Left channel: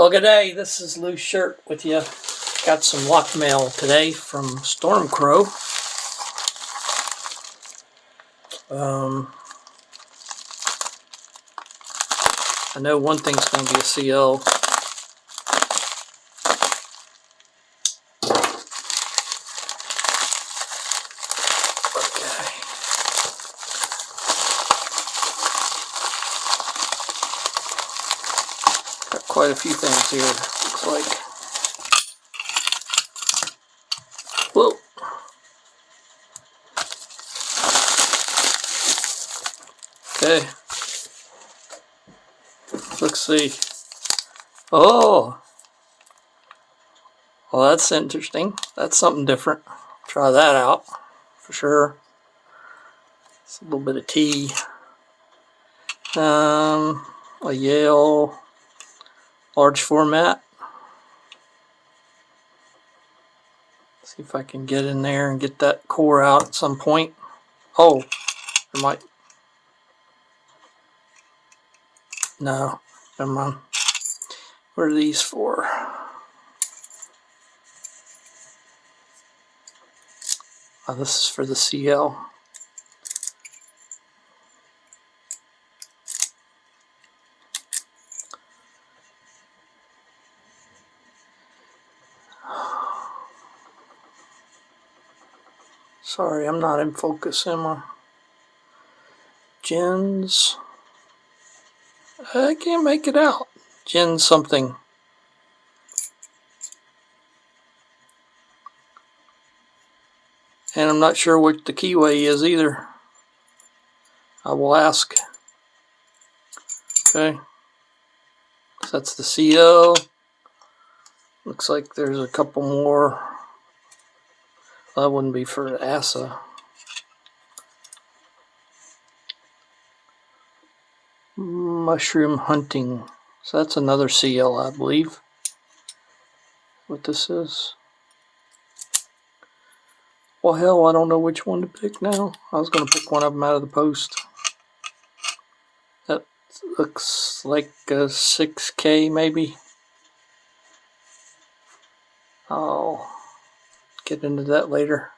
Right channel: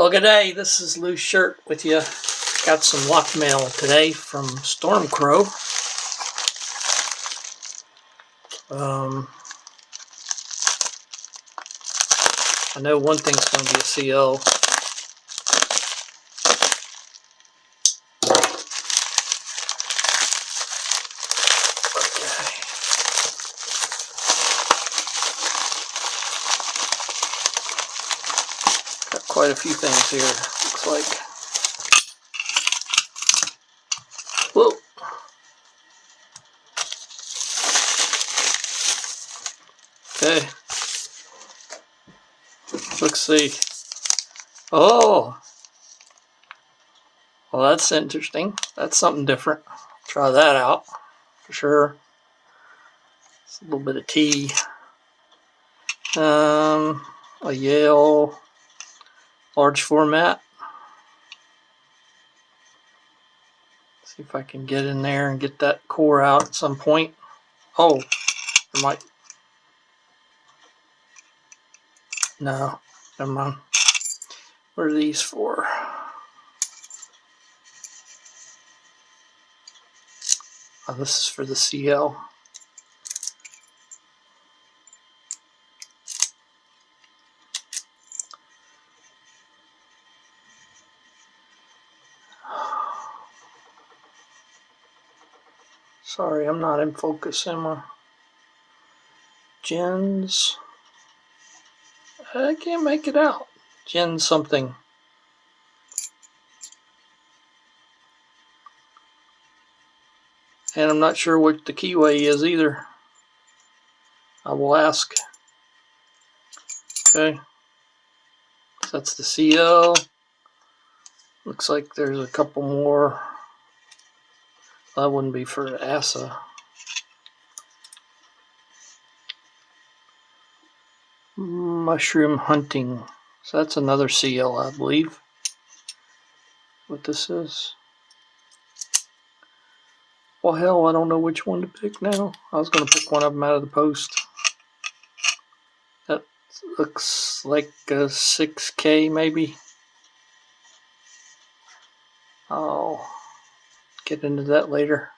Well, good day. This is Loose Shirt with you. Got some lock mail today from Stormcrow. I know one thing's going to be a CO. Got quite a few things here, looks like. Whoa. Okay. Let's see. Oh. Well, that's interesting. That's something different. Try that out for sure. It's a little bit of tea. A Yale large format. See if I can get in there and get that core out at some point. Oh, there might. No, never mind. What are these for? Oh, this is for the CL. Sorry, I'm not in focus, am I? Gens. I can't make it out. Gen something. And I'm not sure what the keyway is either. I will ask. Okay. So that's the CL. Looks like there's a couple more. That wouldn't be for ASA. Mushroom hunting. So that's another CL, I believe. What this is. Well, hell, I don't know which one to pick now. I was going to pick one of them out of the post. That looks like a 6K maybe. I'll get into that later.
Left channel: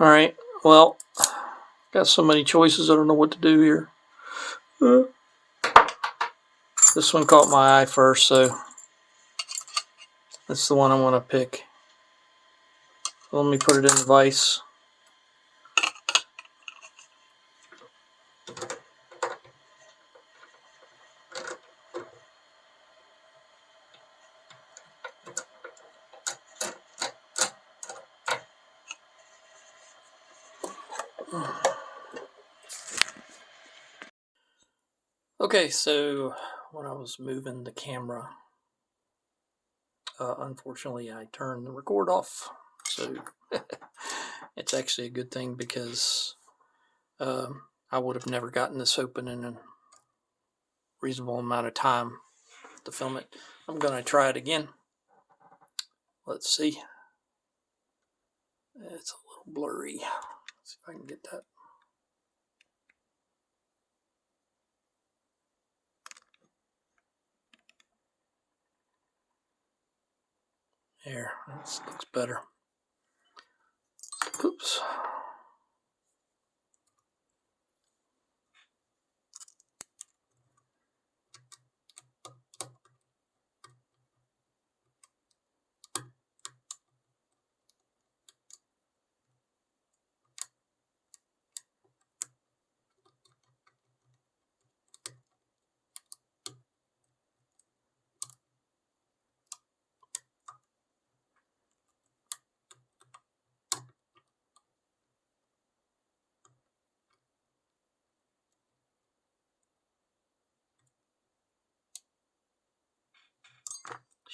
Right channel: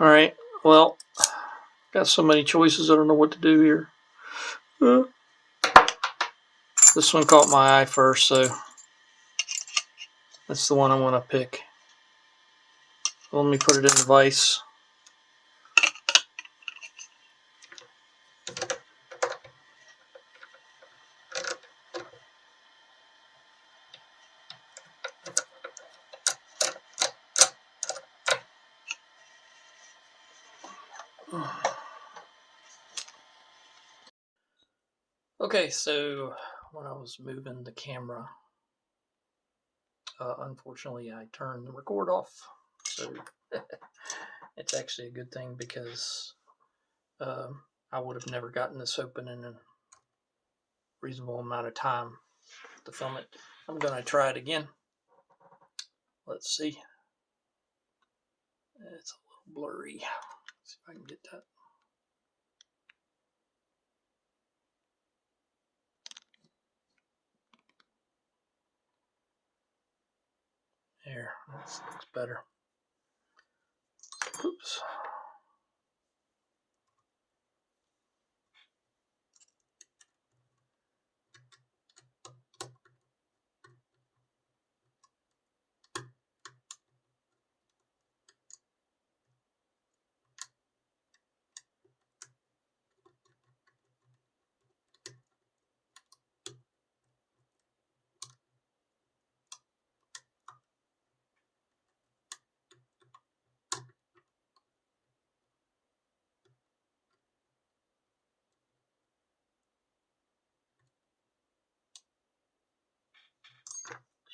Alright, well, got so many choices, I don't know what to do here. This one caught my eye first, so that's the one I want to pick. Let me put it in the vise. Okay, so when I was moving the camera, unfortunately I turned the record off. So it's actually a good thing because I would have never gotten this open in a reasonable amount of time to film it. I'm going to try it again. Let's see. It's a little blurry. Let's see if I can get that. There, that looks better. Oops.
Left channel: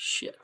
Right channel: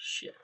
Shit.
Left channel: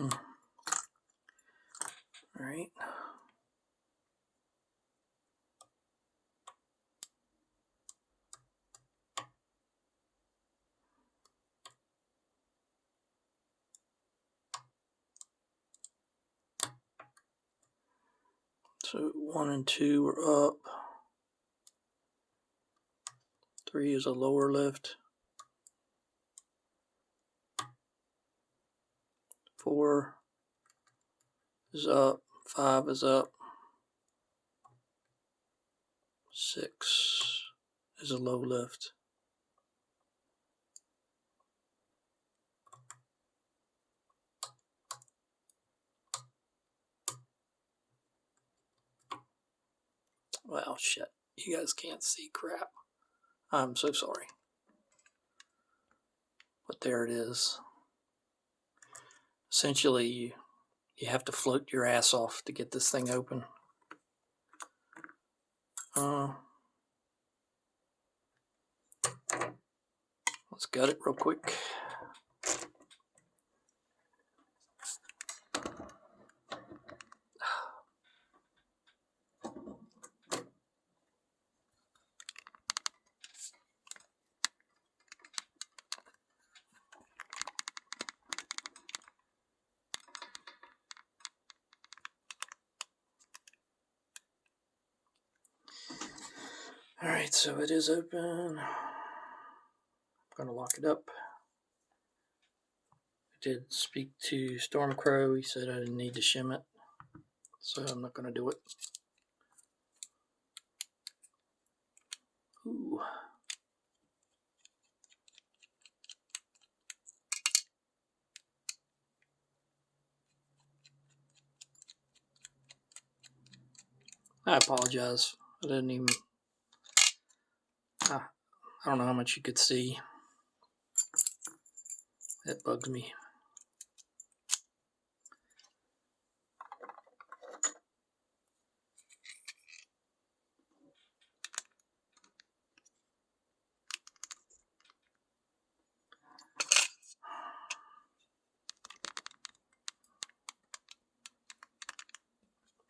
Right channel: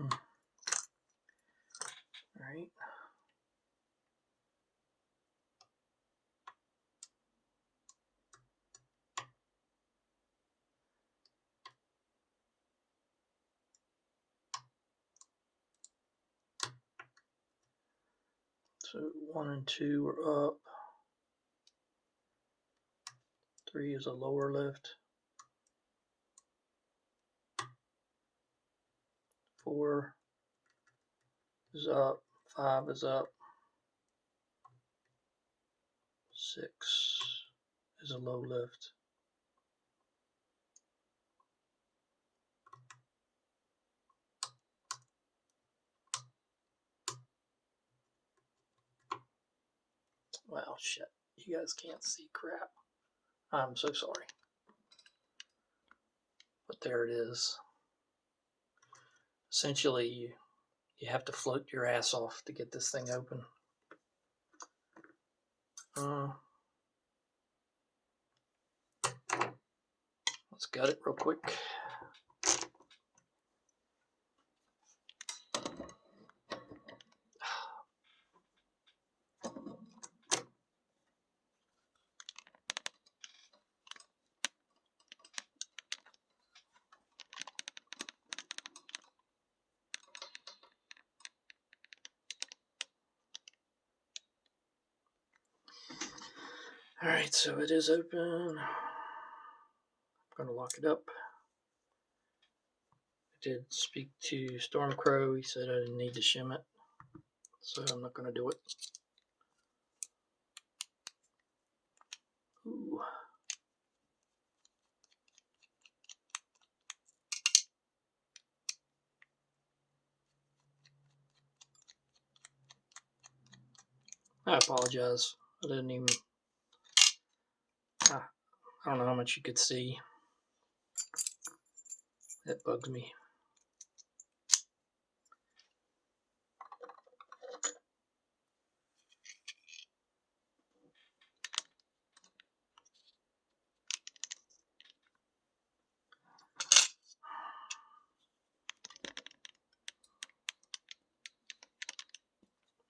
All right. So 1 and 2 are up. 3 is a lower lift. 4 is up. 5 is up. 6 is a low lift. Well, shit. You guys can't see crap. I'm so sorry. But there it is. Essentially, you have to float your ass off to get this thing open. Let's gut it real quick. Alright, so it is open. I'm going to lock it up. I did speak to Stormcrow. He said I didn't need to shim it, so I'm not going to do it. Ooh. I apologize. I didn't even... I don't know how much you could see. It bugs me.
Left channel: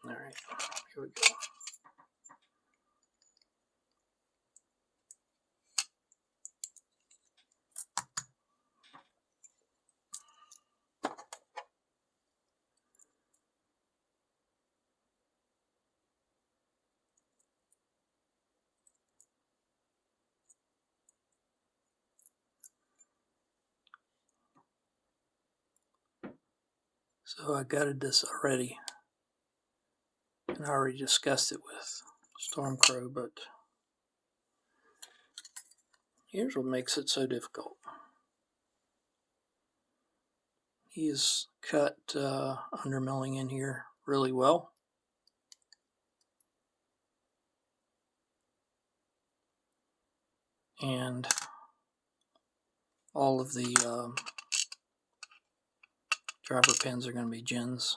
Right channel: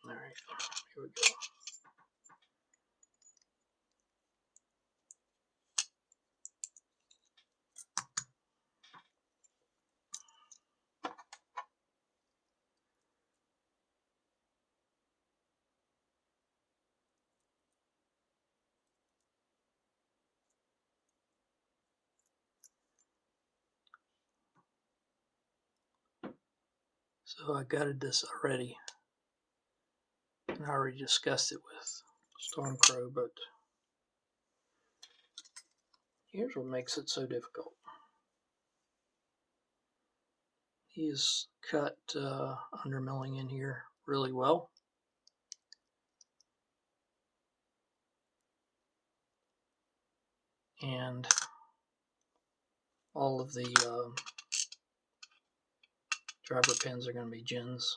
Alright, here we go. So I gutted this already, and I already discussed it with Stormcrow, but here's what makes it so difficult. He's cut undermilling in here really well. And all of the driver pins are going to be gins.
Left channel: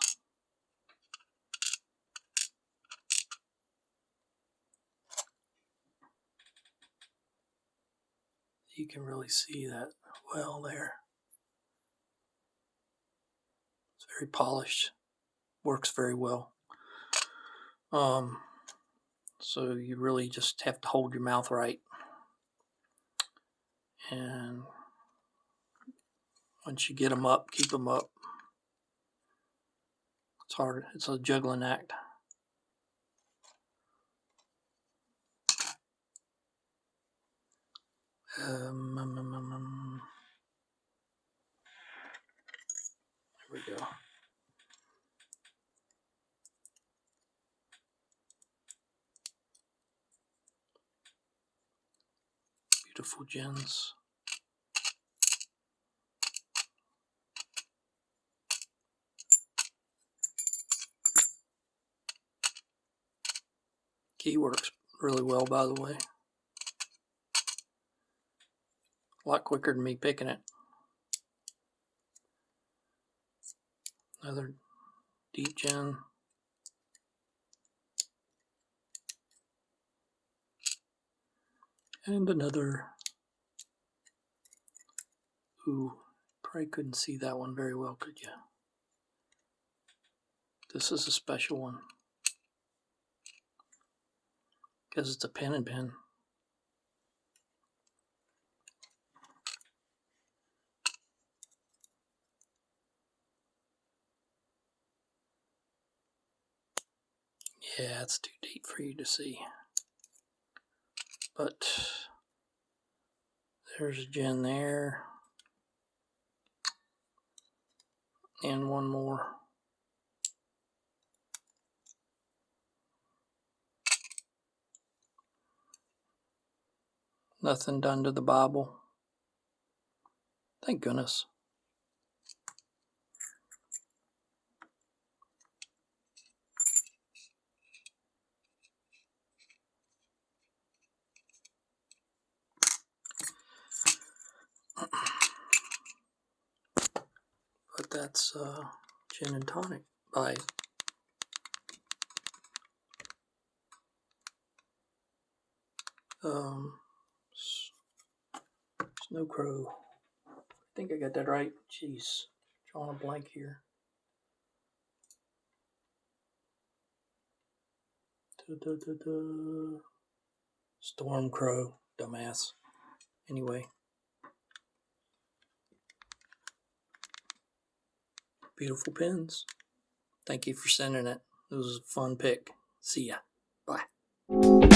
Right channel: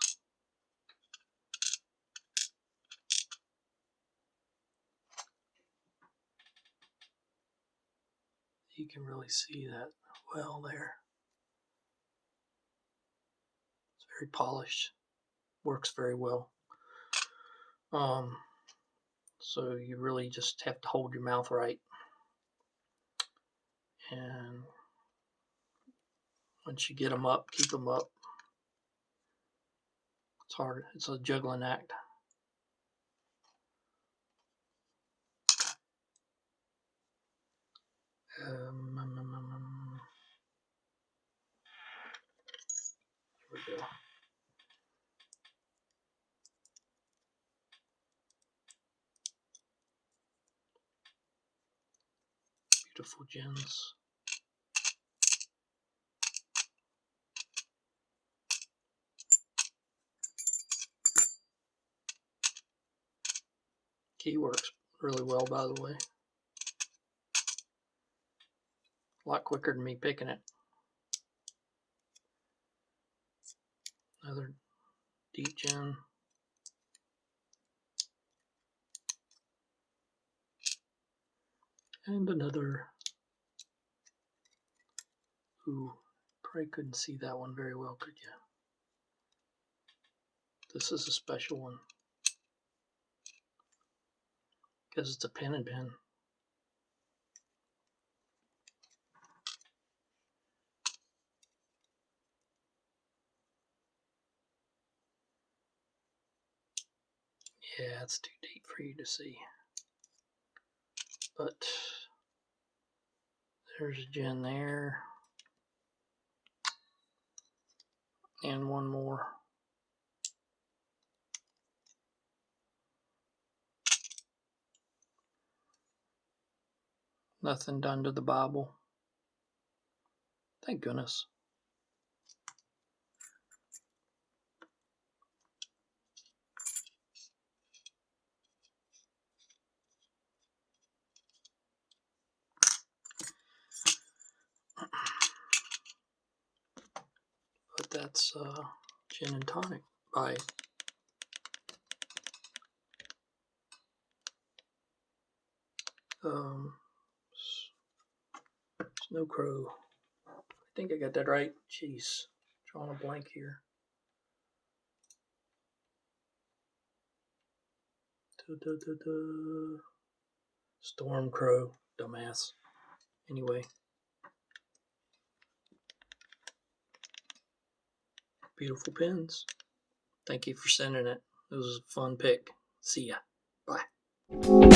You can really see that well there. It's very polished. Works very well. So you really just have to hold your mouth right. And once you get them up, keep them up. It's hard. It's a juggling act. There we go. Beautiful gins. Key works really well, by the way. A lot quicker than me picking it. Another deep gin. And another. Ooh, probably couldn't see that one very well, could you? This is a special one because it's a pen and pen. Yeah, it's too deep for you to see. But there's a gin there. And one more. Nothing done to the Bible. Thank goodness. But that's Gin and Tonic by Snow Crow. I think I got that right. Jeez, drawing a blank here. Storm Crow, dumbass. Anyway, beautiful pins. Thank you for sending it. It was a fun pick. See ya. Bye.